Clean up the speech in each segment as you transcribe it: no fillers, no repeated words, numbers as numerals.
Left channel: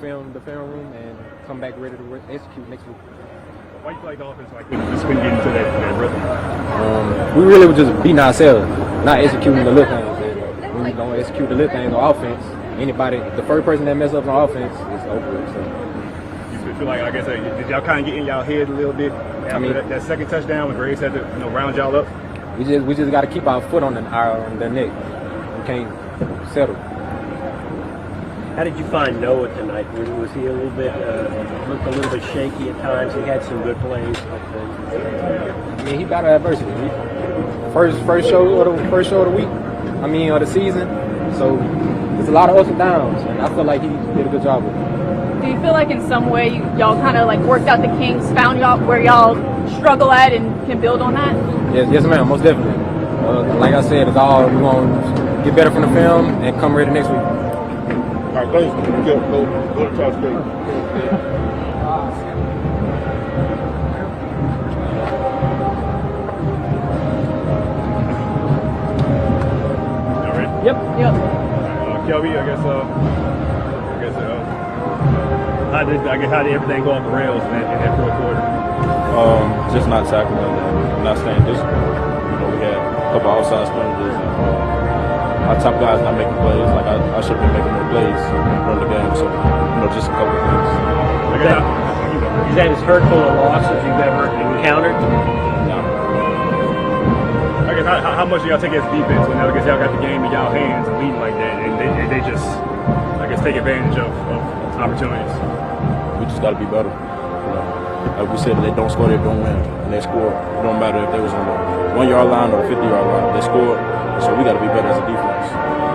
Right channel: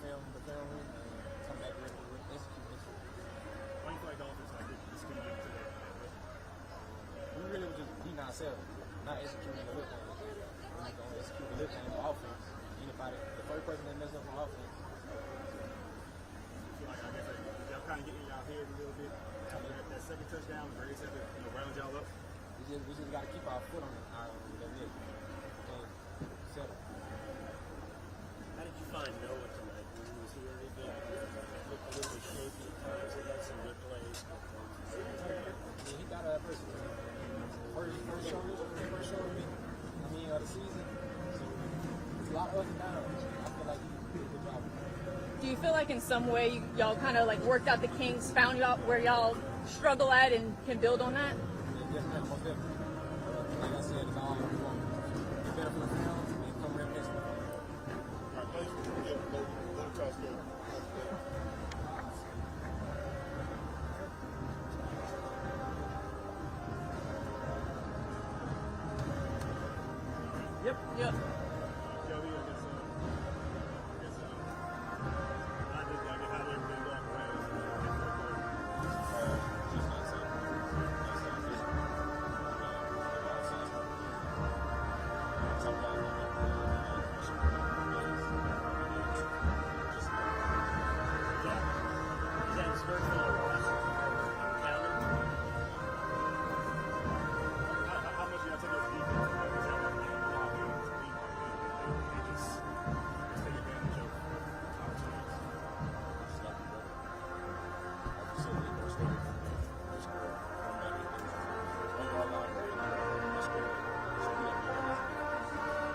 film room and come back ready to execute next week. Why do you feel like the offense just couldn't get into that rhythm? We really were just beating ourselves, not executing the little things. When we don't execute the little things on offense, the first person that messes up on offense is over with. So. You feel like, I guess, did y'all kind of get in y'all head a little bit after that second touchdown when Graves had to round y'all up? We just got to keep our foot on the neck. We can't settle. How did you find Noah tonight? Was he a little bit looked a little bit shaky at times? He had some good plays. I mean, he battled adversity. First show of the week. Of the season. So there's a lot of ups and downs, and I feel like he did a good job with it. Do you feel like in some way y'all kind of like worked out the kinks, found y'all where y'all struggle at, and can build on that? Yes, ma'am, most definitely. Like I said, it's all we want to get better from the film and come ready next week. All right, thanks. Go to Todd State. Yep. Kelby, how did everything go off the rails in that fourth quarter? Just not tackling and not staying disciplined. We had a couple outside scrimmages and our top guys not making plays. Like I should have been making more plays during the game. So just a couple of things. Is that as hurtful a loss as you've ever encountered? No. I guess how much do y'all take as defense when y'all got the game in y'all hands and leading like that, and they just take advantage of opportunities? We just got to be better. Like we said, if they don't score, they don't win. And they score. It don't matter if they was on the 1 yard line or the 50-yard line. They scored. So we got to be better as a defense.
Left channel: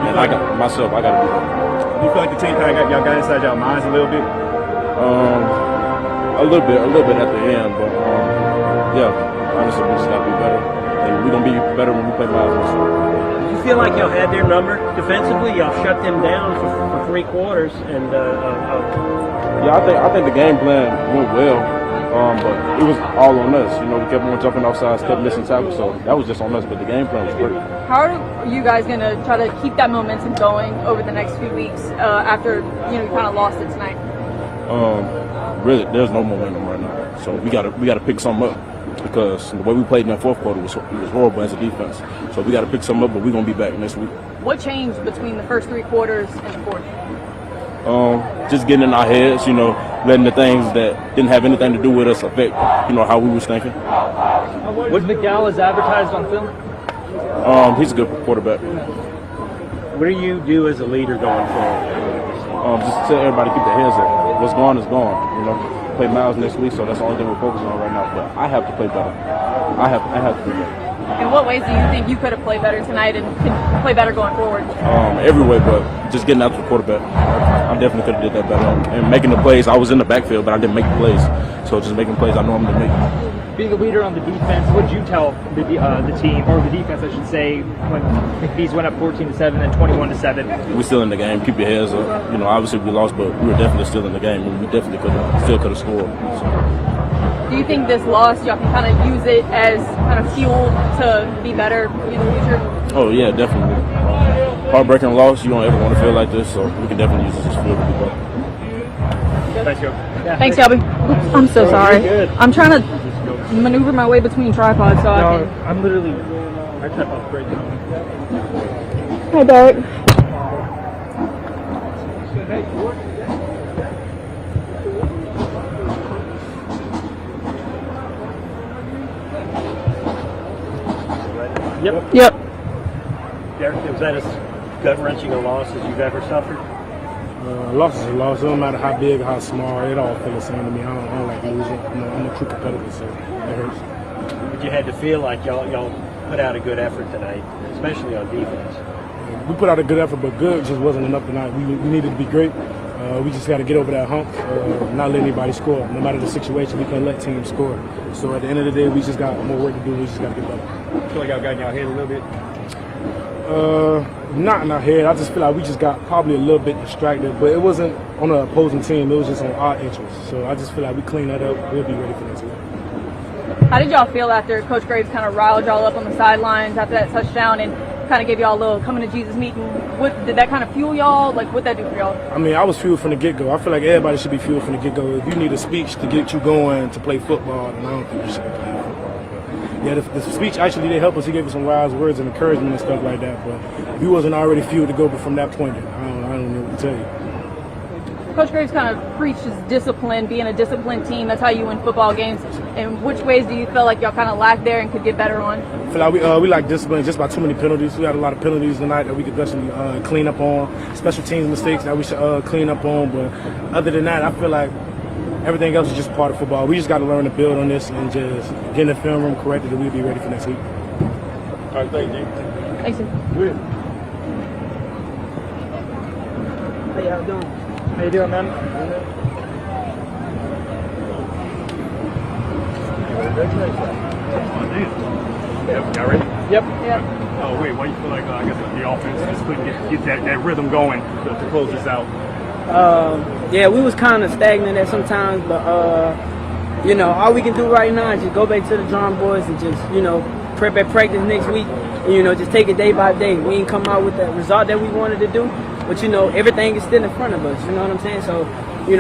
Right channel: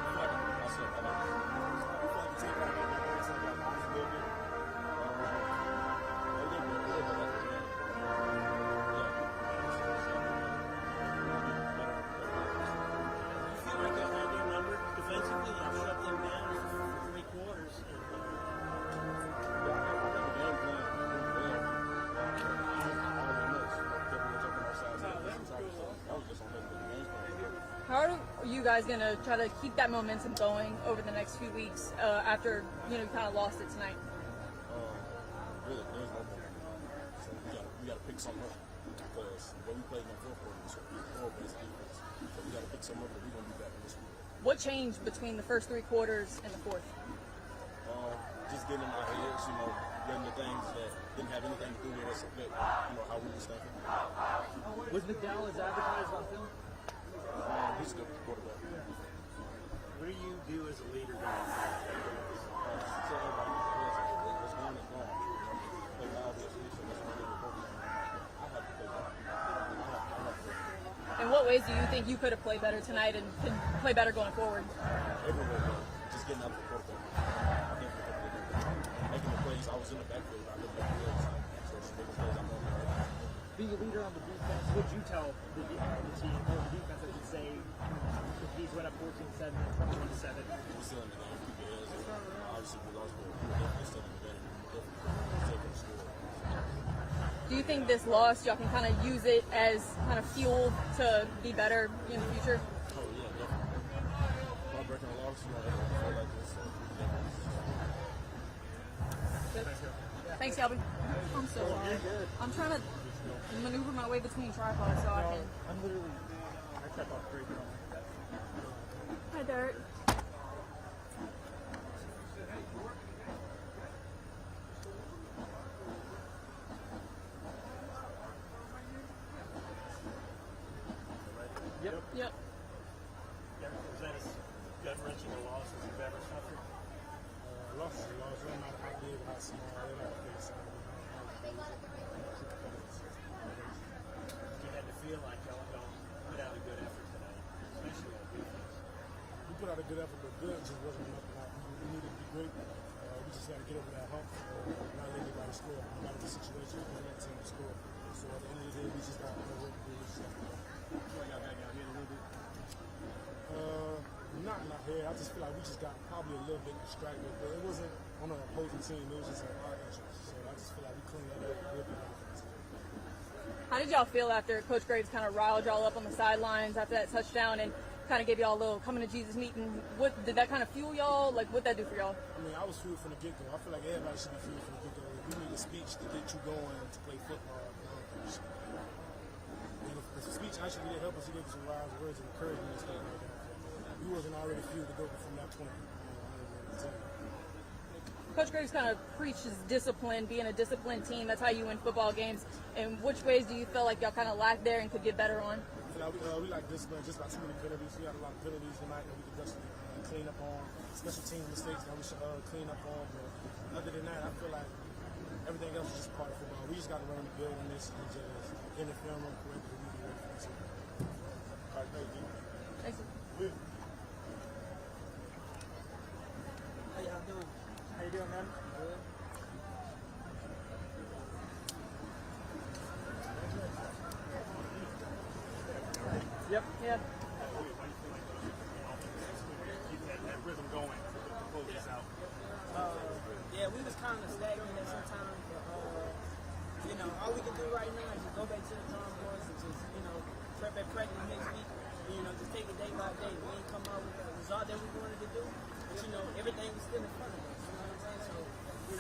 And I got to be better. Do you feel like the team kind of got inside y'all minds a little bit? A little bit at the end, but honestly, we just got to be better. And we're going to be better when we play Miles. Do you feel like y'all had their number defensively? Y'all shut them down for 3 quarters, and I think the game plan went well, but it was all on us. We kept on jumping off sides, kept missing tackles, so that was just on us. But the game plan was great. How are you guys going to try to keep that momentum going over the next few weeks after you kind of lost it tonight? Really, there's no momentum right now, so we got to pick something up. Because the way we played in that fourth quarter was horrible as a defense. So we got to pick some up, but we're going to be back next week. What changed between the first 3 quarters and the fourth? Just getting in our heads, letting the things that didn't have anything to do with us affect, how we was thinking. Was McDowell as advertised on film? He's a good quarterback. what do you do as a leader going forward? Just tell everybody to keep their heads up. What's gone is gone, Play Miles next week, so that's the only thing we're focusing on right now. But I have to play better. I have to do better. In what ways do you think you could have played better tonight and can play better going forward? Every way, but just getting after the quarterback. I definitely could have did that better. And making the plays, I was in the backfield, but I didn't make the plays. So just making plays I know I'm going to make. Being a leader on the defense, what did you tell the team, or the defense, I should say, when McPhee's went up 14-7 and 21-7? We're still in the game. Keep your heads up. Obviously we lost, but we were definitely still in the game, and we definitely could have scored. So. Do you think this loss, y'all can kind of use it as kind of fuel to be better in the future? Oh, yeah, definitely. Heartbreaking loss. You don't ever want to feel like this, so we can definitely use this as fuel to be better. Thanks, Joe. Yeah. Thanks, Shelby. I'm so sorry. I'm trying to maneuver my way between tripods, so I can. I'm literally. My tripod's great. Hi, Derek. Yep. Derek, was that as gut-wrenching a loss as you've ever suffered? Loss is a loss. It don't matter how big or how small. It all feels the same to me. I don't like losing. I'm a true competitor, so it hurts. But you had to feel like y'all put out a good effort tonight, especially on defense. We put out a good effort, but good just wasn't enough tonight. We needed to be great. We just got to get over that hump, not let anybody score. No matter the situation, we can't let teams score. So at the end of the day, we just got more work to do. We just got to get better. I feel like y'all got in y'all head a little bit. Not in our head. I just feel like we just got probably a little bit distracted, but it wasn't on the opposing team. It was just on our interests. So I just feel like we clean that up. We'll be ready for next week. How did y'all feel after Coach Graves kind of riled y'all up on the sidelines after that touchdown and kind of gave y'all a little coming to Jesus meeting. What did that kind of fuel y'all? Like, what'd that do for y'all? I mean, I was fueled from the get-go. I feel like everybody should be fueled from the get-go. If you need a speech to get you going to play football, then I don't think you should be playing football. But yeah, the speech actually did help us. He gave us some wise words and encouragement and stuff like that. But if you wasn't already fueled to go from that point, then I don't know what to tell you. Coach Graves kind of preaches discipline, being a disciplined team. That's how you win football games. And which ways do you feel like y'all kind of lack there and could get better on? I feel like we lack discipline just by too many penalties. We had a lot of penalties tonight that we could definitely clean up on. Special teams mistakes that we should clean up on. But other than that, I feel like everything else is just part of football. We just got to learn to build on this and just get in the film room corrected, and we'll be ready for next week. All right, thank you. Thanks. Good. How y'all doing? How you doing, man? Y'all ready? Yep. Yeah. Oh, wait, why do you feel like, I guess, the offense just couldn't get that rhythm going to close this out? Yeah, we was kind of stagnant at sometimes, but all we can do right now is just go back to the drawing boards and just prep at practice next week, and just take it day by day. We ain't come out with the result that we wanted to do, but everything is still in front of us. You know what I'm saying? So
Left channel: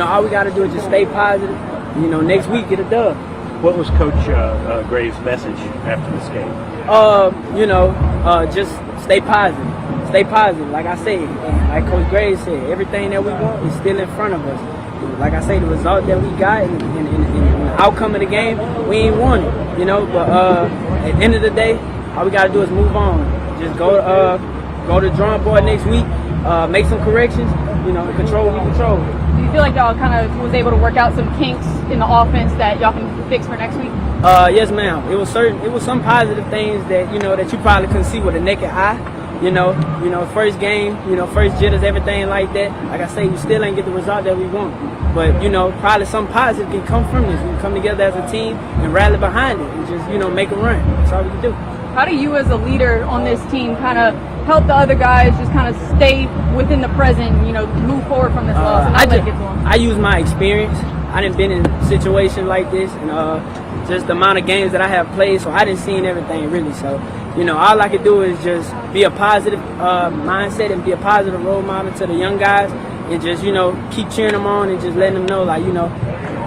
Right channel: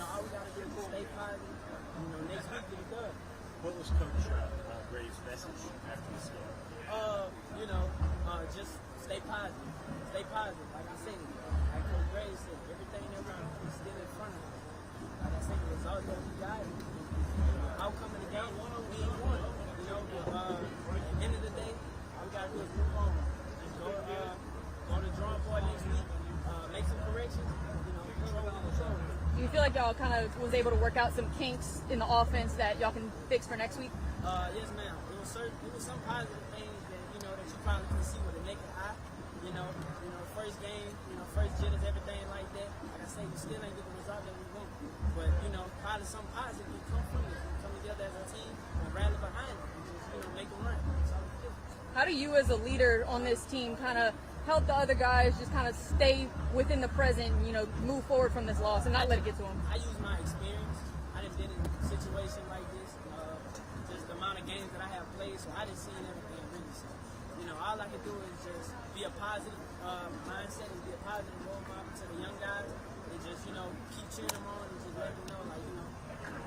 all we got to do is just stay positive. Next week get a dub. What was Coach Graves' message after this game? Just stay positive. Stay positive, like I said. And like Coach Graves said, everything that we want is still in front of us. Like I say, the result that we got and the outcome of the game, we ain't won it, But at the end of the day, all we got to do is move on. Just go to the drawing board next week, make some corrections, and control what we control. Do you feel like y'all kind of was able to work out some kinks in the offense that y'all can fix for next week? Yes, ma'am. It was some positive things that that you probably couldn't see with a naked eye. First game, first jitters, everything like that. Like I say, we still ain't get the result that we want. But probably something positive can come from this. We can come together as a team and rally behind it and just make a run. That's all we can do. How do you, as a leader on this team, kind of help the other guys just kind of stay within the present, move forward from this loss and not let it get to them? I use my experience. I done been in a situation like this, and just the amount of games that I have played, so I didn't see everything really. So, all I could do is just be a positive mindset and be a positive role model to the young guys, and just keep cheering them on and just letting them know, like,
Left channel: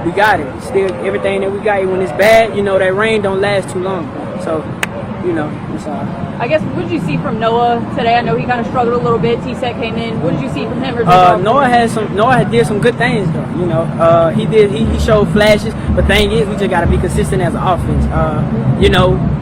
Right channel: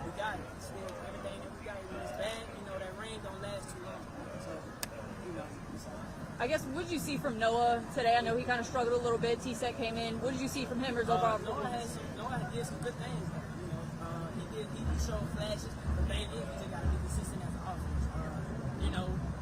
we got it. Still, everything that we got, when it's bad, that rain don't last too long. So, it's all. I guess, what did you see from Noah today? I know he kind of struggled a little bit. T-Set came in. What did you see from him? Noah did some good things though. He showed flashes. But thing is, we just gotta be consistent as an offense.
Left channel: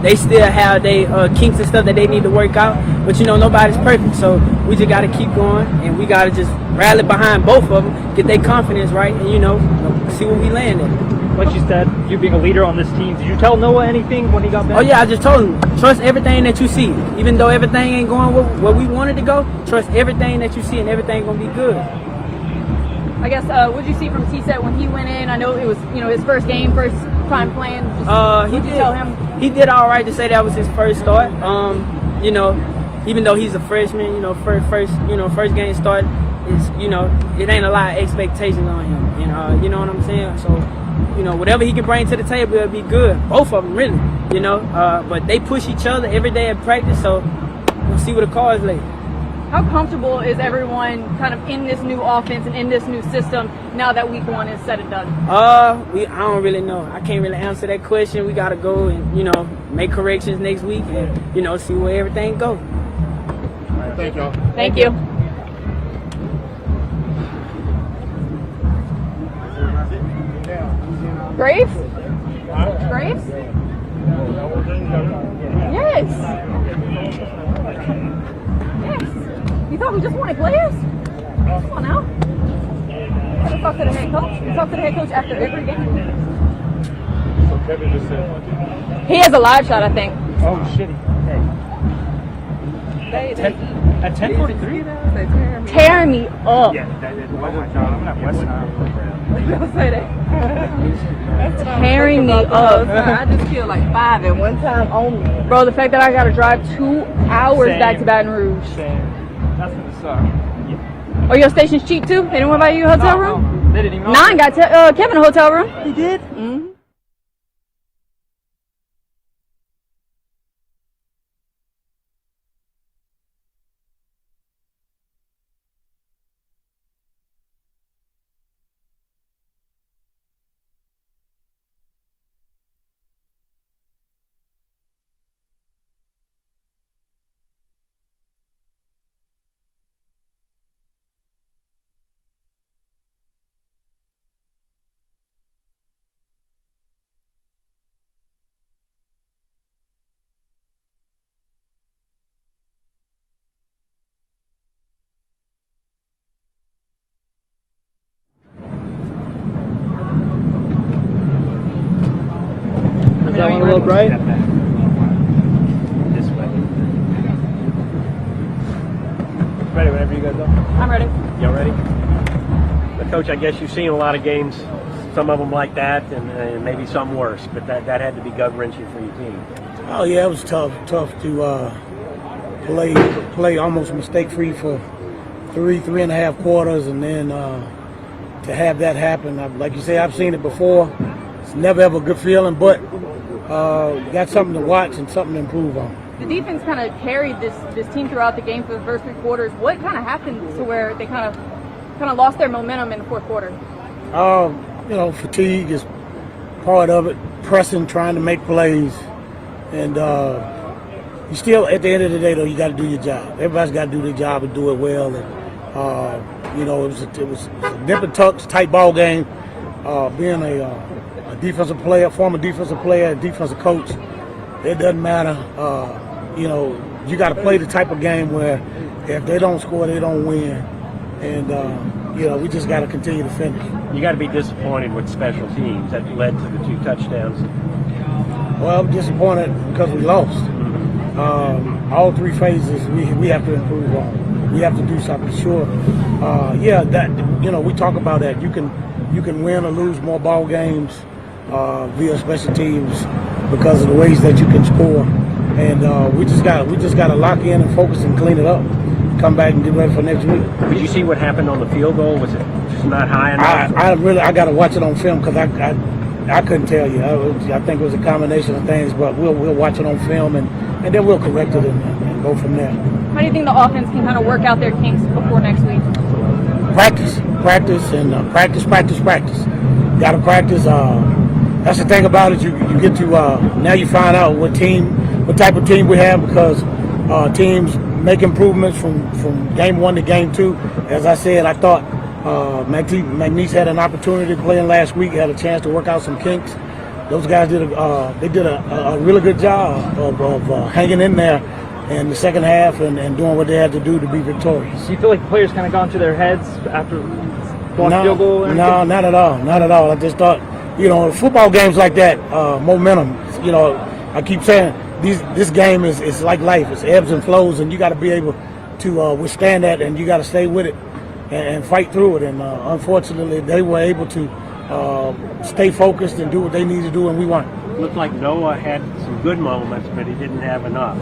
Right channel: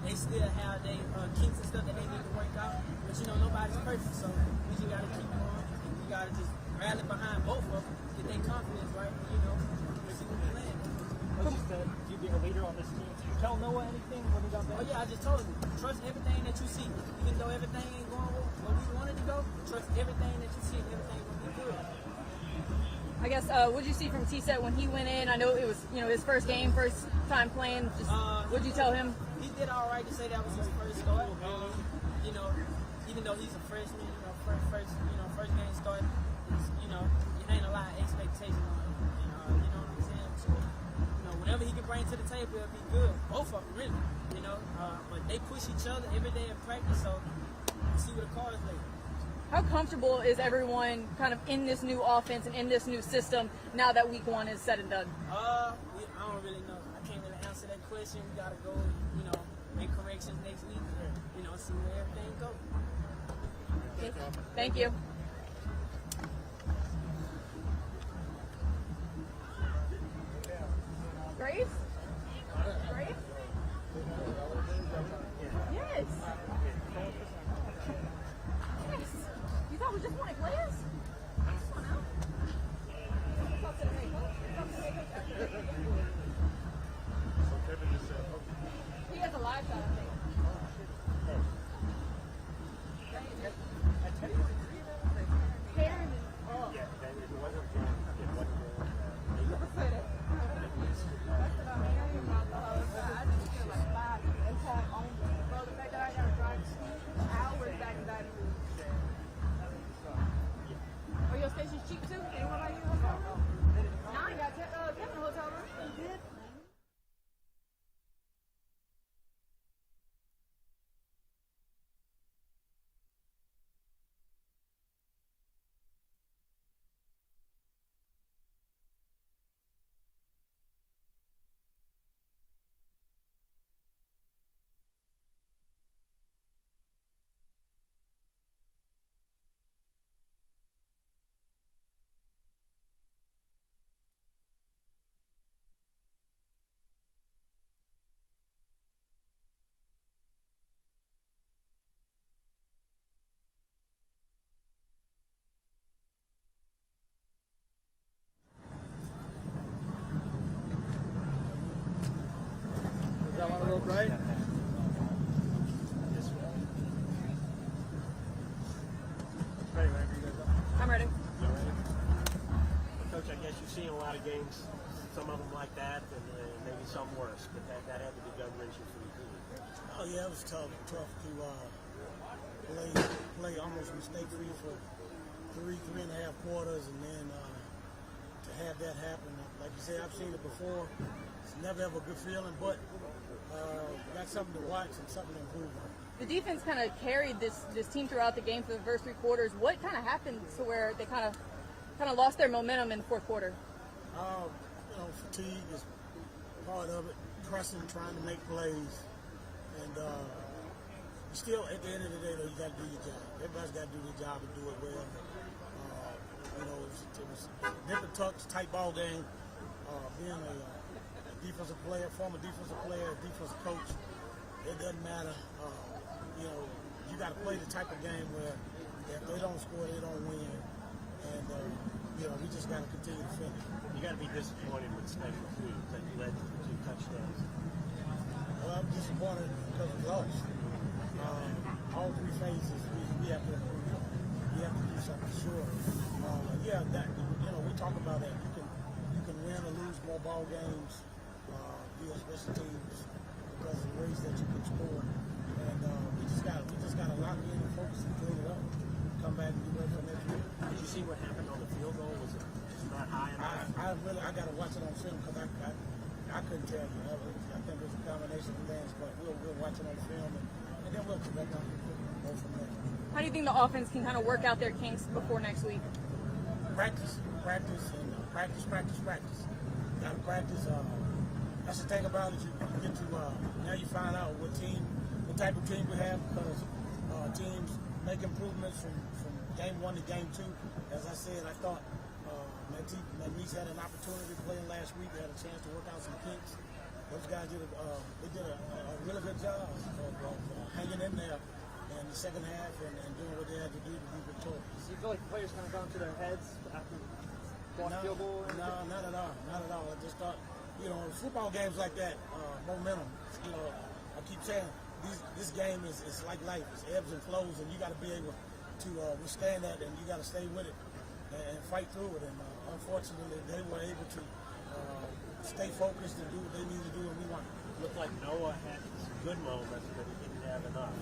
They still have their kinks and stuff that they need to work out. But nobody's perfect, so we just gotta keep going, and we gotta just rally behind both of them, get their confidence right, and see where we land at. Like you said, you being a leader on this team, did you tell Noah anything when he got back? Oh yeah, I just told him, trust everything that you see. Even though everything ain't going where we wanted to go, trust everything that you see, and everything gonna be good. I guess, what did you see from T-Set when he went in? I know it was, his first game, first time playing. What did you tell him? He did all right to say that was his first start. Even though he's a freshman, first game start, is it ain't a lot of expectations on him. And you know what I'm saying? So, whatever he can bring to the table, it'll be good. Both of them, really. But they push each other every day at practice, so we'll see where the cards lay. How comfortable is everyone kind of in this new offense and in this new system now that week one is said and done? I don't really know. I can't really answer that question. We got to go and, make corrections next week and, see where everything goes. All right, thank y'all. Thank you. Graves? Graves? Yes. Yes. You thought we just wanted players? Come on now. Let's talk to the head coach. We talk to the head coach after every game. So Kevin just said, He has a live shot, I think. Oh, shitty. Hey. At 10:43? Tearing me up. Yeah, that is my job. I'm not West Don't say that. Tearing me up. I just killed like 5 at one time only. Bro, the fact that I gotta drive 2 hours back to Baton Rouge. That's gonna suck. Oh, your station's cheap too? They didn't want to buy you a hotel room? They didn't even know. Nine got Kevin a hotel room. He did? Mm-hmm. that one a little bright? Step back. This way. Ready whenever you guys are. I'm ready. Y'all ready? But Coach, I guess you've seen a lot of games, some of them like that, and maybe some worse. But that had to be gut-wrenching for your team. Oh yeah, it was tough to play almost mistake-free for three and a half quarters, and then to have that happen. Like you say, I've seen it before. It's never ever a good feeling, but you got something to watch and something to improve on. The defense kind of carried this team throughout the game for the first 3 quarters. What kind of happened to where they kind of lost their momentum in the fourth quarter? Fatigue is part of it. Pressing, trying to make plays, and you still, at the end of the day, though, you got to do your job. Everybody's got to do their job and do it well. And it was a nip and tucks tight ball game. Being a defensive player, former defensive player, defensive coach, it doesn't matter. You got to play the type of game where if they don't score, they don't win. And, we just got to continue to finish. You got to be disappointed with special teams that led to the 2 touchdowns. Well, I'm disappointed because we lost. All 3 phases we have to improve on. We have to do something. Sure. We talk about that. You can win or lose more ball games via special teams because of the ways that you can score. And we just got to lock in and focus and clean it up. Come back and get ready for next week. Did you see what happened on the field goal? Was it just not high enough? I got to watch it on film because I couldn't tell you. I think it was a combination of things, but we'll watch it on film and then we'll correct it and go from there. How do you think the offense can kind of work out their kinks before next week? Practice, and practice. Got to practice. That's the thing about it. You get to now you find out what type of team we have because teams make improvements from game 1 to game 2. As I said, I thought McNeese had an opportunity playing last week, had a chance to work out some kinks. Those guys did a really good job of hanging in there in the second half and doing what they had to do to be victorious. Do you feel like the players kind of got into their heads after blocking field goal? No, not at all. I just thought, football games like that, momentum. I keep saying this game is like life. It's ebbs and flows, and you got to be able to withstand that, and you got to stay with it and fight through it. And unfortunately, they were able to stay focused and do what they need to do, and we won. It looked like Noah had some good moments, but he didn't have enough.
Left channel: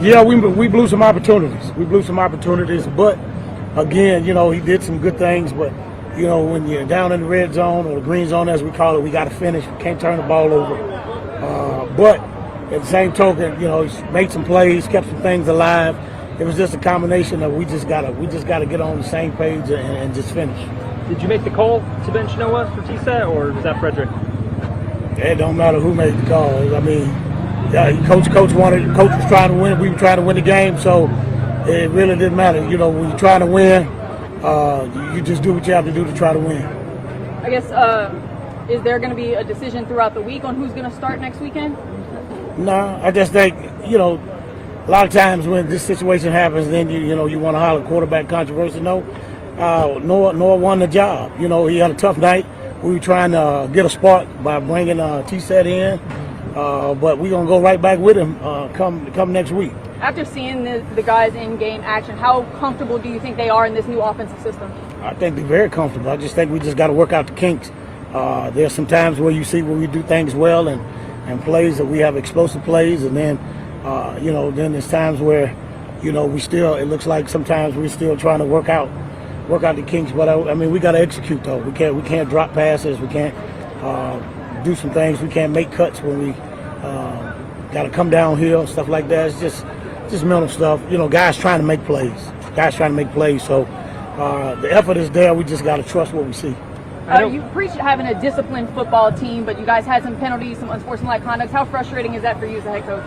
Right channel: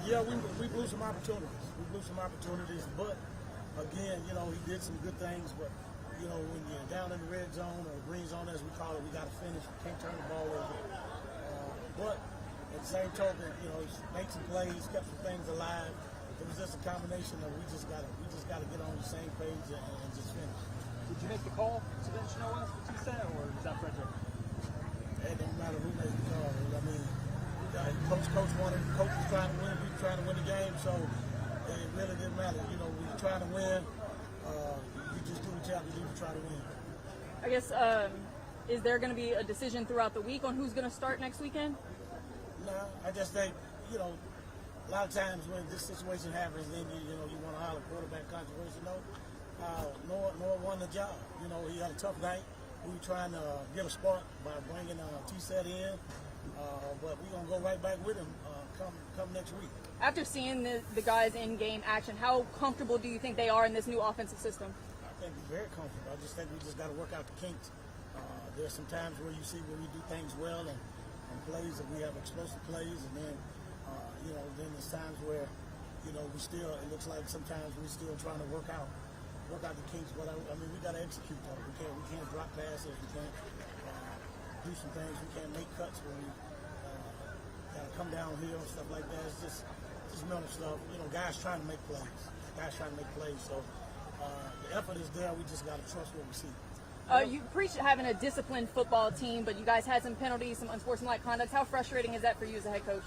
Yeah, we blew some opportunities. But again, he did some good things. But when you're down in the red zone or the green zone, as we call it, we got to finish. We can't turn the ball over. But at the same token, he's made some plays, kept some things alive. It was just a combination of we just gotta get on the same page and just finish. Did you make the call to bench Noah for T-Set, or was that Frederick? It don't matter who made the call. I mean, coach was trying to win. We were trying to win the game, so it really didn't matter. When you're trying to win, you just do what you have to do to try to win. I guess, is there going to be a decision throughout the week on who's going to start next weekend? No, I just think, a lot of times when this situation happens, then you want to holler quarterback controversy. No, Noah won the job. He had a tough night. We were trying to get a spark by bringing T-Set in, but we're going to go right back with him come next week. After seeing the guys in game action, how comfortable do you think they are in this new offensive system? I think they're very comfortable. I just think we just got to work out the kinks. There's some times where you see where we do things well and plays that we have explosive plays, and then then there's times where it looks like sometimes we're still trying to work out the kinks. But we got to execute though. We can't drop passes. We can't do some things. We can't make cuts when we got to come downhill, stuff like that. It's just mental stuff. Guys trying to make plays. So the effort is there. We just got to trust what we see. You preach having a disciplined football team, but you guys had some penalties, some unsportsmanlike conduct. How frustrating is that for you as a head coach?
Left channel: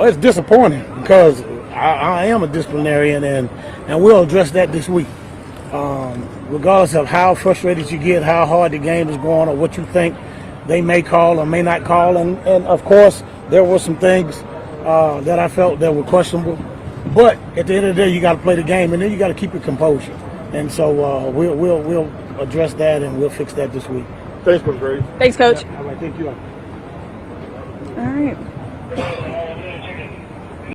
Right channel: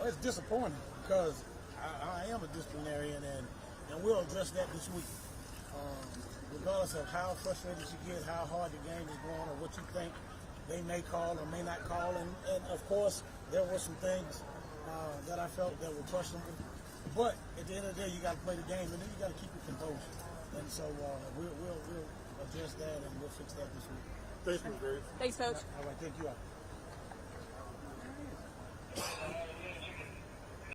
It's disappointing because I am a disciplinarian, and we'll address that this week. Regardless of how frustrated you get, how hard the game is going, or what you think they may call or may not call. And of course, there were some things that I felt that were questionable. But at the end of the day, you got to play the game, and then you got to keep your composure. And so we'll address that, and we'll fix that this week. Thanks, Coach Graves. Thanks, Coach. All right, thank you. All right.